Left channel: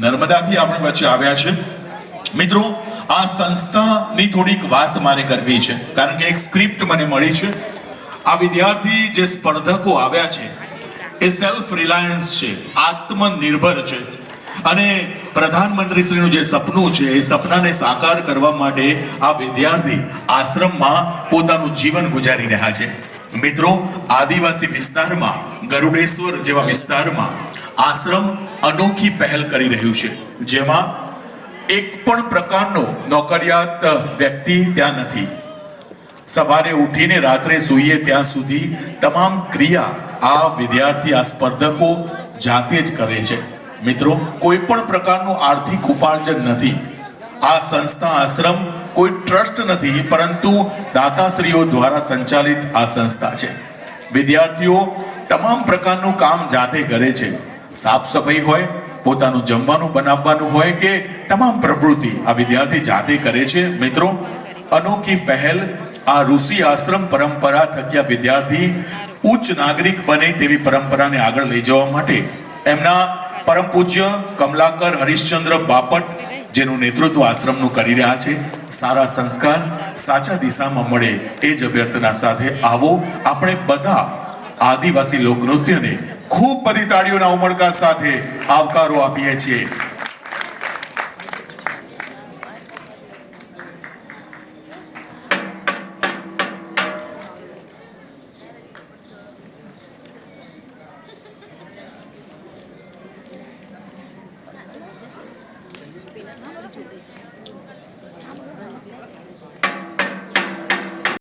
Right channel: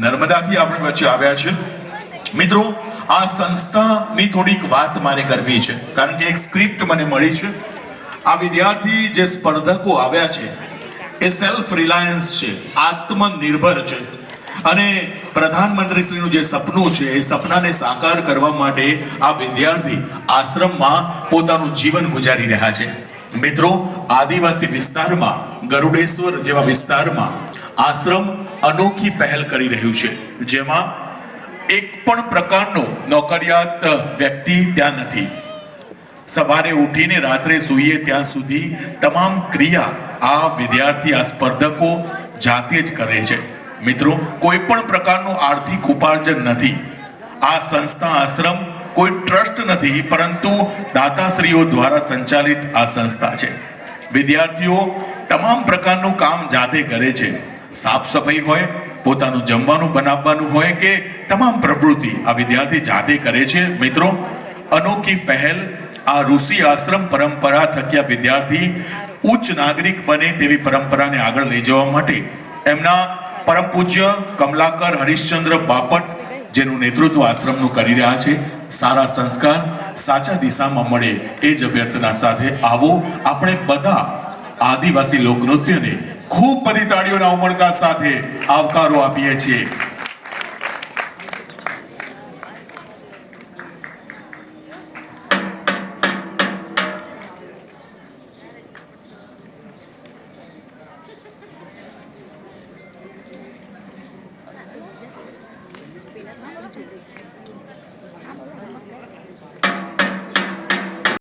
નર્મદાથી આપણી વચ્ચે આવ્યા છે. મિત્રો, આ સંસ્થાની થોડીક વાત મારે કરવી છે, કારણ કે એક સ્ક્રિપ્ટ મને મળી છે. આ વિદ્યાર્થી જે સ્પર્ધકો આવ્યા છે એ સેલ્ફ રિલાયન્સ છે, આત્મનિર્ભર છે, અને પ્રધાનમંત્રીશ્રીનું જે સપનું છે એ સપનાને સાકાર કરવા માટે આ વિદ્યાર્થી આશ્રમમાં પોતાનું જીવન ગુજારી રહ્યા છે. મિત્રો, આદિવાસી વિસ્તારમાં, ગરુડેશ્વર જેવા વિસ્તારમાં આશ્રમ અનોખી પહેલ કરી રહ્યું છે, જેમાં એક પણ પ્રકારનો નોકરિયાત વ્યક્તિ ત્યાં નથી. સવારે ઉઠીને રાત્રે સૂઈએ ત્યાં સુધી તમામ ક્રિયા આ વિદ્યાર્થી, આ સ્પર્ધકો જાતે જ કરે છે. મિત્રો, કોઈ પણ પ્રકારનું આર્થિક ઉપાર્જન નથી. આ સંસ્થા, આશ્રમ કોઈ ટ્રસ્ટ નથી, પરંતુ દાતાશ્રીઓ દ્વારા સંચાલિત આ સંસ્થા છે. વિદ્યાર્થીઓ તમામ પ્રકારનું કામ જાતે કરે છે. સાફ સફાઈ હોય, પોતાનું જમવાનું બનાવવાનું હોય કે તમામ પ્રવૃત્તિ આ વિદ્યાર્થી જાતે કરે છે. મિત્રો, અનોખી પહેલ આ ઋષિ આશ્રમ પરંપરા થકી વિદ્યાર્થી ઉચ્ચ નાગરિક બને તેવી પરંપરાને આગળ લઈ જવા માટે એમના પરમ પૂજ્ય કમલાકર હરીશચંદ્ર બાપટ જેનું નેતૃત્વ આશ્રમનું કરી રહ્યા છે. સારા સંસ્કાર સાચા દિશામાં મળે એ જ અભ્યર્થના સાથે આવો આપણે બધા આદિવાસી લોકનૃત્યને ખૂબ બધી તાળીઓના ઉમળકા સાથે આવકારો આપીએ છીએ.